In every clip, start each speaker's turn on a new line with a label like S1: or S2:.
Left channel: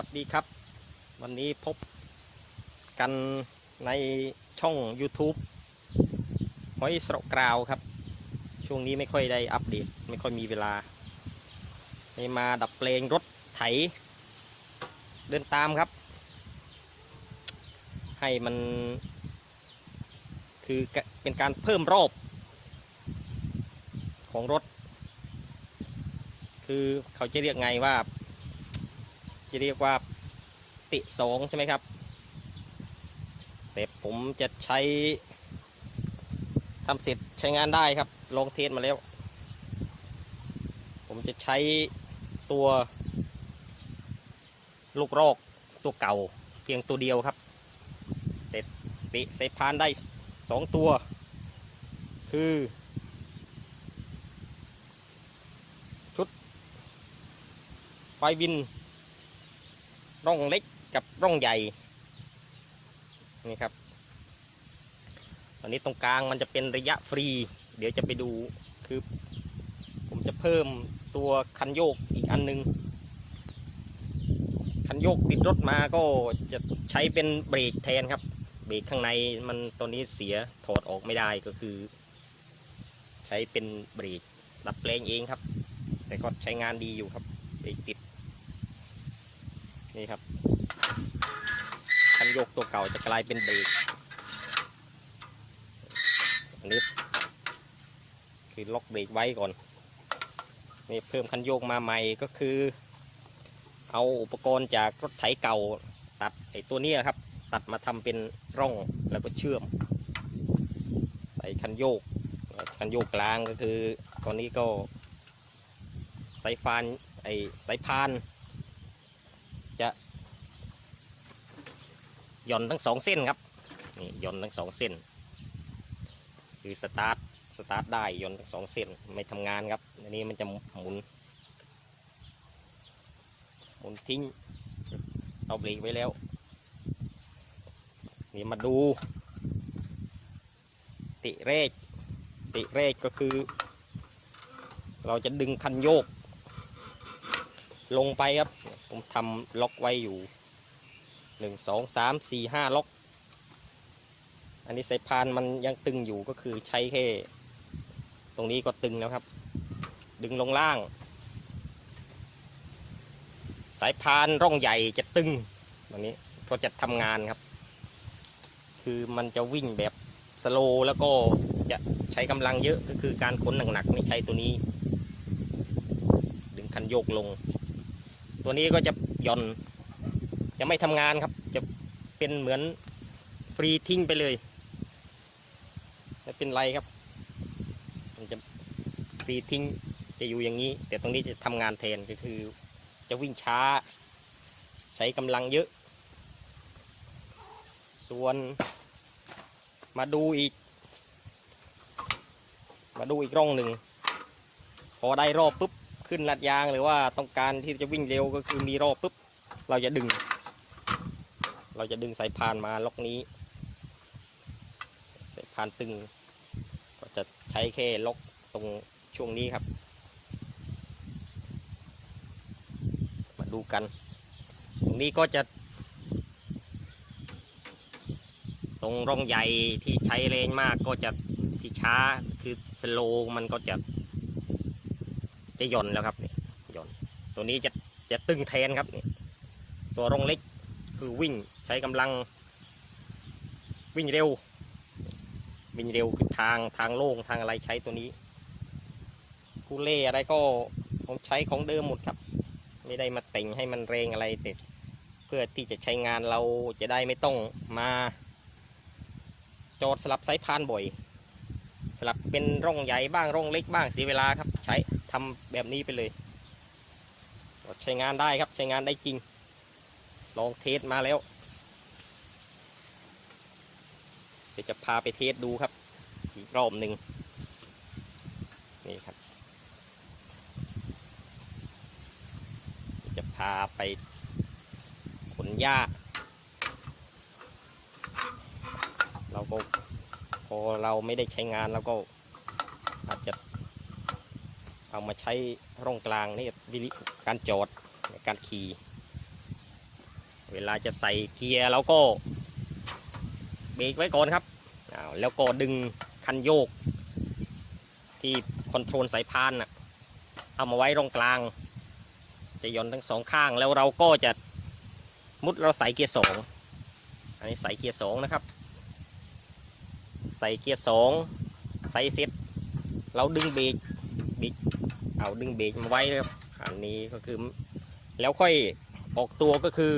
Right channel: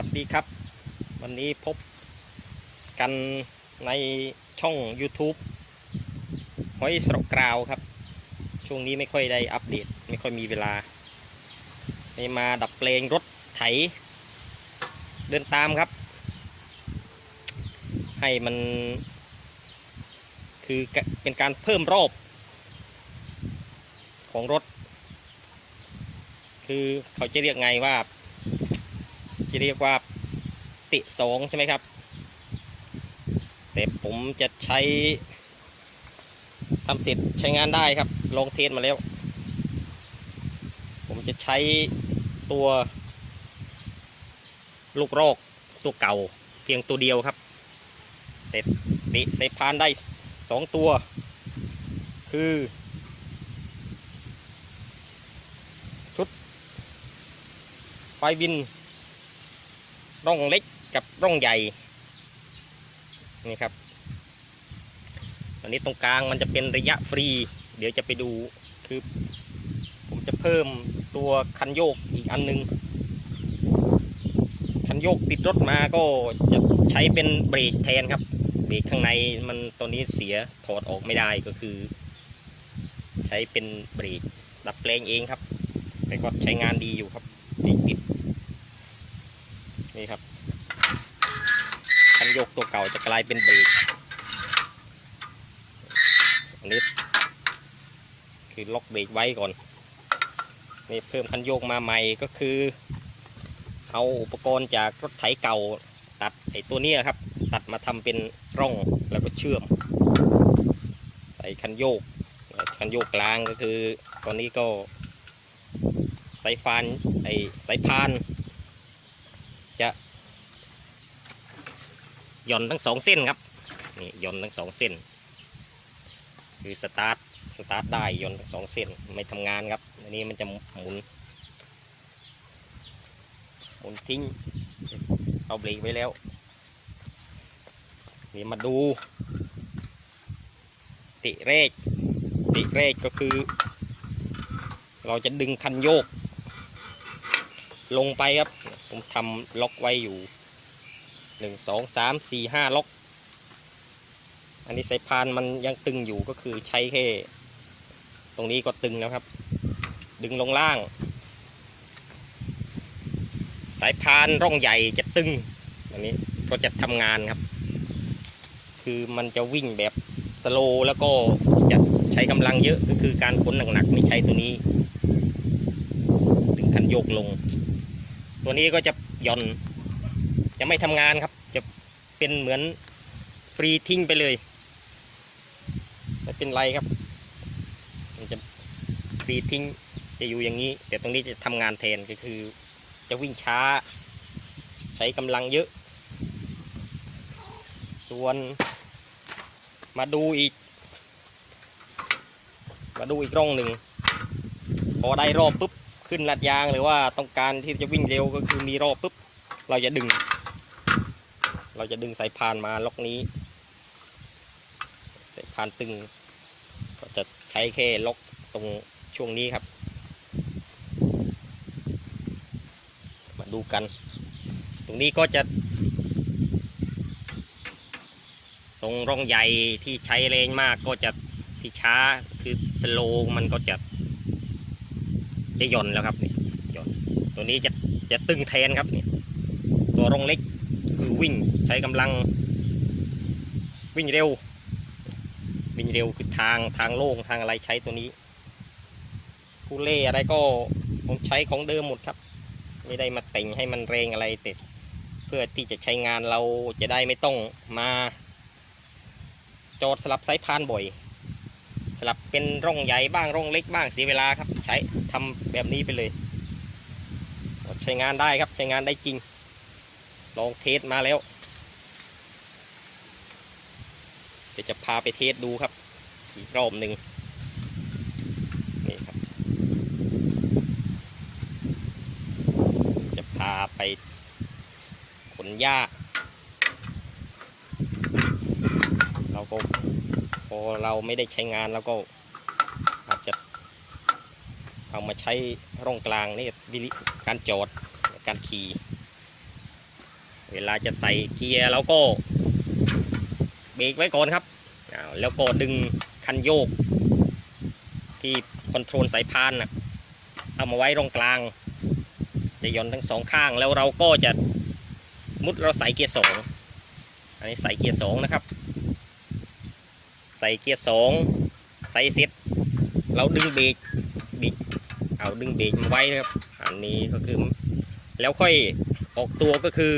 S1: วัสดีครับ วันนี้พบกันในช่อง YouTube หอยสระกราวครับ ช่วงนี้ไม่ค่อยได้อัปเดต ไม่ค่อยมีเวลา นี่มาดับเพลงรถไถ เดินตามครับ ให้มัน คือเป็นการเพิ่มรอบ ของรถ คือเขาจะเรียกไงว่า จะเรียกว่าติสองใช่ไหมครับแต่ผมจะใช้ทำเสร็จใช้งานได้ครับ ลองเทสมาแล้ว ผมจะใช้ตัว ลูกรอกตัวเก่าเพียงตัวเดียวครับแต่ติใส่พานได้สองตัว คือชุดไฟบิน ร่องเล็กกับร่องใหญ่นี่ครับตอนนี้ตรงกลางมันจะเป็นระยะฟรี เดี๋ยวจะไปดูคือผมจะเพิ่มตัวคันโยกอีกอันหนึง คันโยกติดรถมาก็จะใช้เป็นเบรกแทนครับ เบรกข้างในมันตอนนี้เสียถอดออกไม่ได้ก็คือ ใช้เป็นเบรกดับแปลงเองครับแต่ก็ใช้งานดีอยู่ครับติด นี่ครับ คันโยกตัว เก่าจะกลายเป็นเบรกอันนี้คือล็อกเบรกไว้ก่อนนี่เพิ่มคันโยกมาใหม่ก็คือ เอาอุปกรณ์จากรถไถเก่าตัดไอ้ตัวนี้ครับ ตัดมาทำเป็นร่องแล้วก็เชื่อม ใส่คันโยก คันโยกกลางก็คือตอนนี้ก็สายฟานไอ้สายพาน จะ ย่อนทั้งสองเส้นครับนี่หย่อนทั้งสองเส้นคือสตาร์ทสตาร์ทได้หย่อนทั้งสองเส้นไม่ทำงานครับอันนี้มันจะหมุนหมุนทิ้งเอาเบรกไว้แล้วนี่มาดูติเรกติเรกก็คือ เราจะดึงคันโยก ลงไปครับ ผมทำล็อกไว้อยู่ หนึ่งสองสามสี่ห้าล็อก อันนี้สายพานมันยังตึงอยู่ก็คือใช้แค่ตรงนี้ก็ตึงแล้วครับ ดึงลงล่าง สายพานร่องใหญ่จะตึงอันนี้ก็จะทำงานครับ คือมันจะวิ่งแบบสโลแล้วก็จะใช้กำลังเยอะก็คือการขนหนักๆไม่ใช้ตัวนี้ ถึงคันโยกลง ตัวนี้ก็จะย่อน จะไม่ทำงานครับ จะเป็นเหมือนฟรีทิ้งไปเลยไม่เป็นไรครับ มันจะฟรีทิ้งจะอยู่อย่างนี้ แต่ตรงนี้จะทำงานแทนก็คือ จะวิ่งช้า ใช้กำลังเยอะ ส่วนมาดูอีก มาดูอีกร่องหนึ่ง พอได้รอบปุ๊บ ขึ้นลัดยางหรือว่าต้องการที่จะวิ่งเร็วก็คือมีรอบปุ๊บ เราจะดึง จะดึงสายพานมาล็อกนี้ สายพานตึง ก็จะใช้แค่ล็อกตรงช่วงนี้ครับ มาดูกัน ตรงนี้ก็จะ ตรงร่องใหญ่ที่ใช้แรงมากก็จะที่ช้าคือสโลว์มันก็จะจะหย่อนแล้วครับหย่อนตัวนี้จะจะตึงแทนครับตัวร่องเล็ก คือวิ่งใช้กำลังวิ่งเร็ว วิ่งเร็วคือทางทางโล่งทางอะไรใช้ตัวนี้คูเล่อะไรก็ผมใช้ของเดิมหมดครับ ไม่ได้มาแต่งให้มันแรงอะไรแต่เพื่อที่จะใช้งานเราจะได้ไม่ต้องมา จอดสลับสายพานบ่อย สลับเป็นร่องใหญ่บ้างร่องเล็กบ้างเสียเวลาครับ ใช้ทำแบบนี้ไปเลย ใช้งานได้ครับใช้งานได้จริง ลองเทสมาแล้วเดี๋ยวจะพาไปเทสดูครับ อีกรอบหนึ่งนี่ครับ จะพาไปขนหญ้าเราก็พอเราไม่ได้ใช้งานแล้วก็อาจจะเอามาใช้ร่องกลางนี่วิธีการจอดการขี่ เวลาจะใส่เกียร์เราก็เบรกไว้ก่อนครับแล้วก็ดึงคันโยก ที่คอนโทรลสายพานนะเอามาไว้ตรงกลาง จะย่อนทั้งสองข้างแล้วเราก็จะมุดเราใส่เกียร์สองอันนี้ใส่เกียร์สองนะครับ ใส่เกียร์สองใส่เสร็จเราดึงเบรกเบรกเอาดึงเบรกมาไว้นะครับอันนี้ก็คือแล้วค่อยออกตัวก็คือ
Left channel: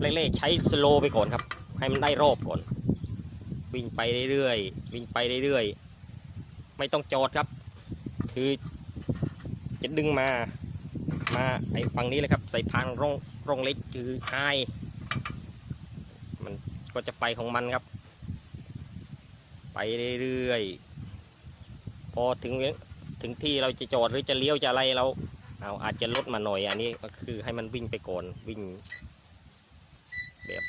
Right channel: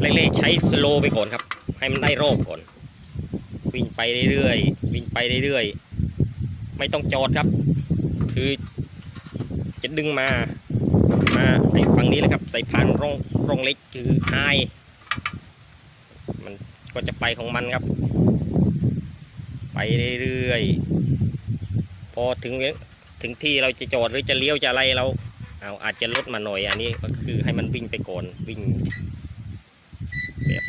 S1: เล่ๆใช้สโลว์ไปก่อนครับ ให้มันได้รอบก่อน วิ่งไปเรื่อยๆวิ่งไปเรื่อยๆไม่ต้องจอดครับ คือจะดึงมา มาไอ้ฝั่งนี้เลยครับ ใส่พานร่องร่องเล็กคือไฮมันก็จะไปของมันครับ ไปเรื่อยๆพอถึงถึงที่เราจะจอดหรือจะเลี้ยวจะอะไรเราเอาอาจจะลดมาหน่อยอันนี้ก็คือให้มันวิ่งไปก่อนวิ่ง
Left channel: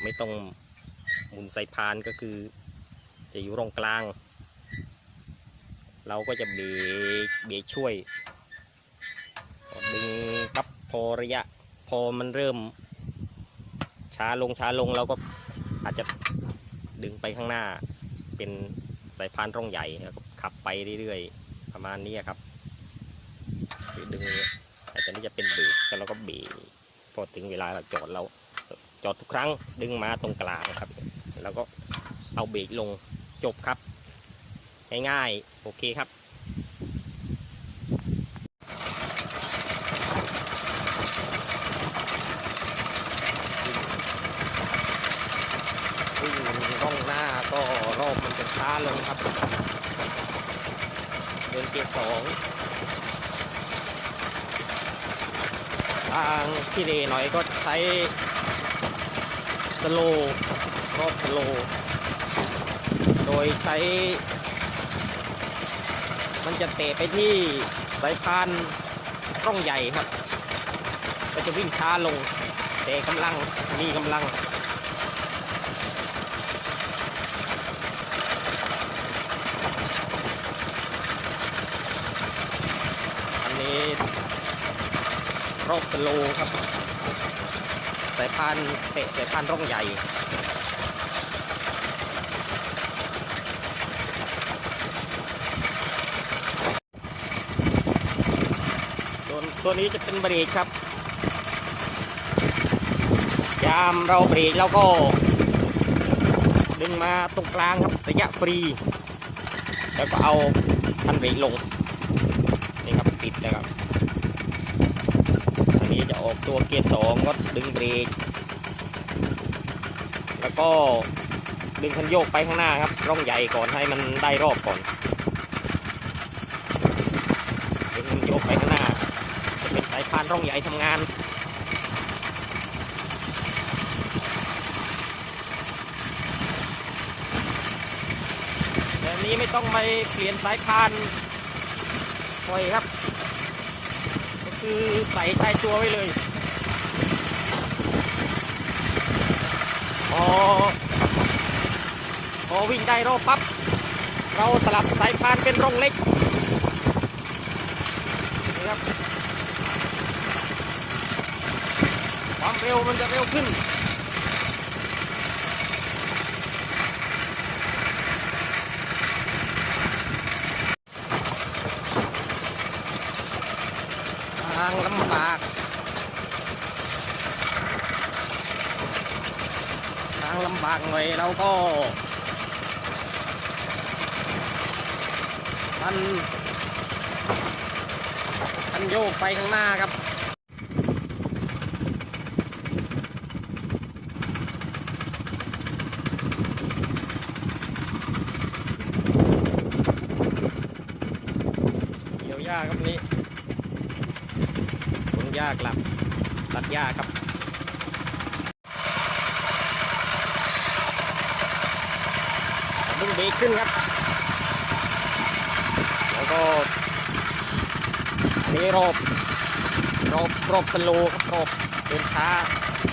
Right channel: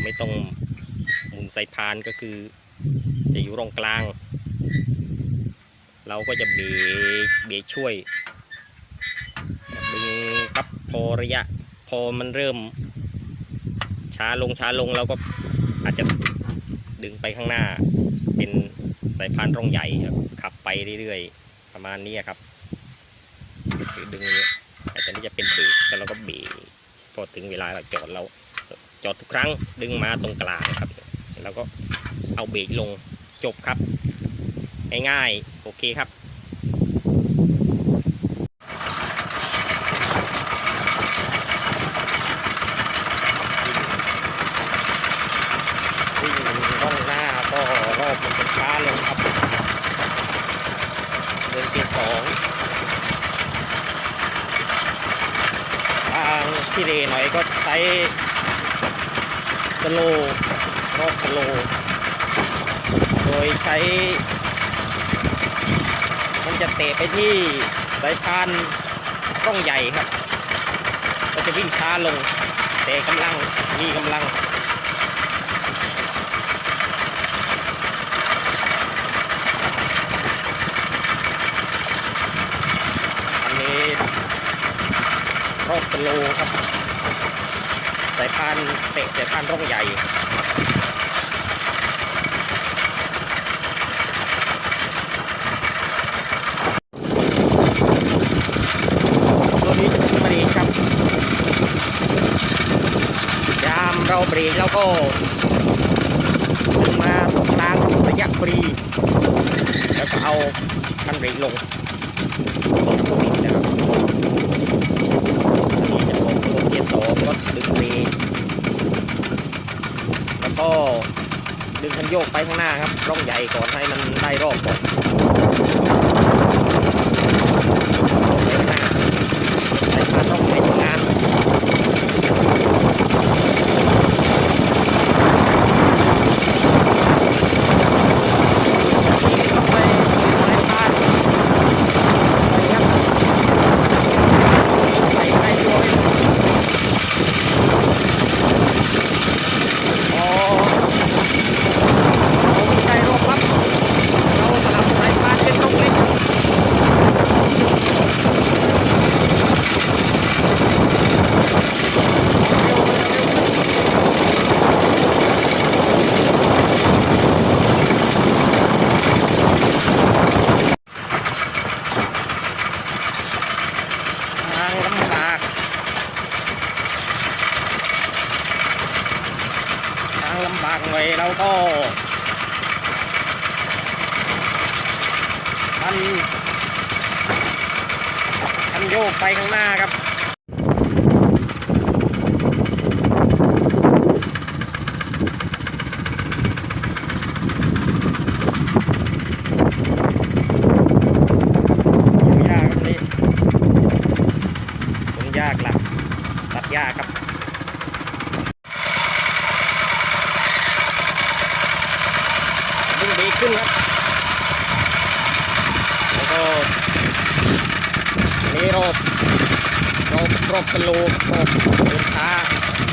S1: ไม่ต้องหมุนใส่พานก็คือ จะอยู่ตรงกลาง เราก็จะเบรกเบรกช่วยดึงปั๊บพอระยะ พอมันเริ่ม ช้าลงช้าลงเราก็อาจจะดึงไปข้างหน้า เป็นสายพานร่องใหญ่ขับไปเรื่อยๆ ประมาณนี้ครับอดึงเนี่ยอ้ตัวนี้จะเป็นเบรกแล้วเราก็เบรกพอถึงเวลาเราจอดเรา จอดทุกครั้งดึงมาตรงกลางครับ แล้วก็เอาเบรกลงจบครับ ง่ายๆ โอเคครับวิ่งร่องหน้าก็รอบช้าลงครับเดินที่สองทางที่ดีหน่อยก็ใช้ โลว์รอบสโล โดยใช้ มันจะเตะไปที่สายพานร่องใหญ่ครับ ก็จะวิ่งช้าลงแต่กำลัง มีกำลังอันนี้ร่องสโลครับ สายพานเตะสายพานร่องใหญ่ตัวนี้จะเป็นบรีครับยามเราบรีแล้วก็ดึงมาตรงกลางระยะบรีแล้วก็เอาคันเบรกลง นี่จะออกตัวเกียร์สองก็ดึงเบรกแล้วก็ ดึงคันโยกไปข้างหน้าครับร่องใหญ่ก่อนให้มันได้รอบก่อนข้างหน้าใส่พานร่องใหญ่ทำงานทีนี้ต้องไปเล่นสายพานไปครับ ใส่ใต้โวยพอเราได้รอบปั๊บเราสลับสายพานเป็นรอบเล็กเอาเร็วเร็วทางลำบากทางล เราก็ทำทำโยกไปข้างหน้าครับ ยากครับนี่มันยากละตัดยากครับ ดึงเบรกขึ้นครับ แล้วก็เทรอบร อบรอบสโลว์ครับออกช้า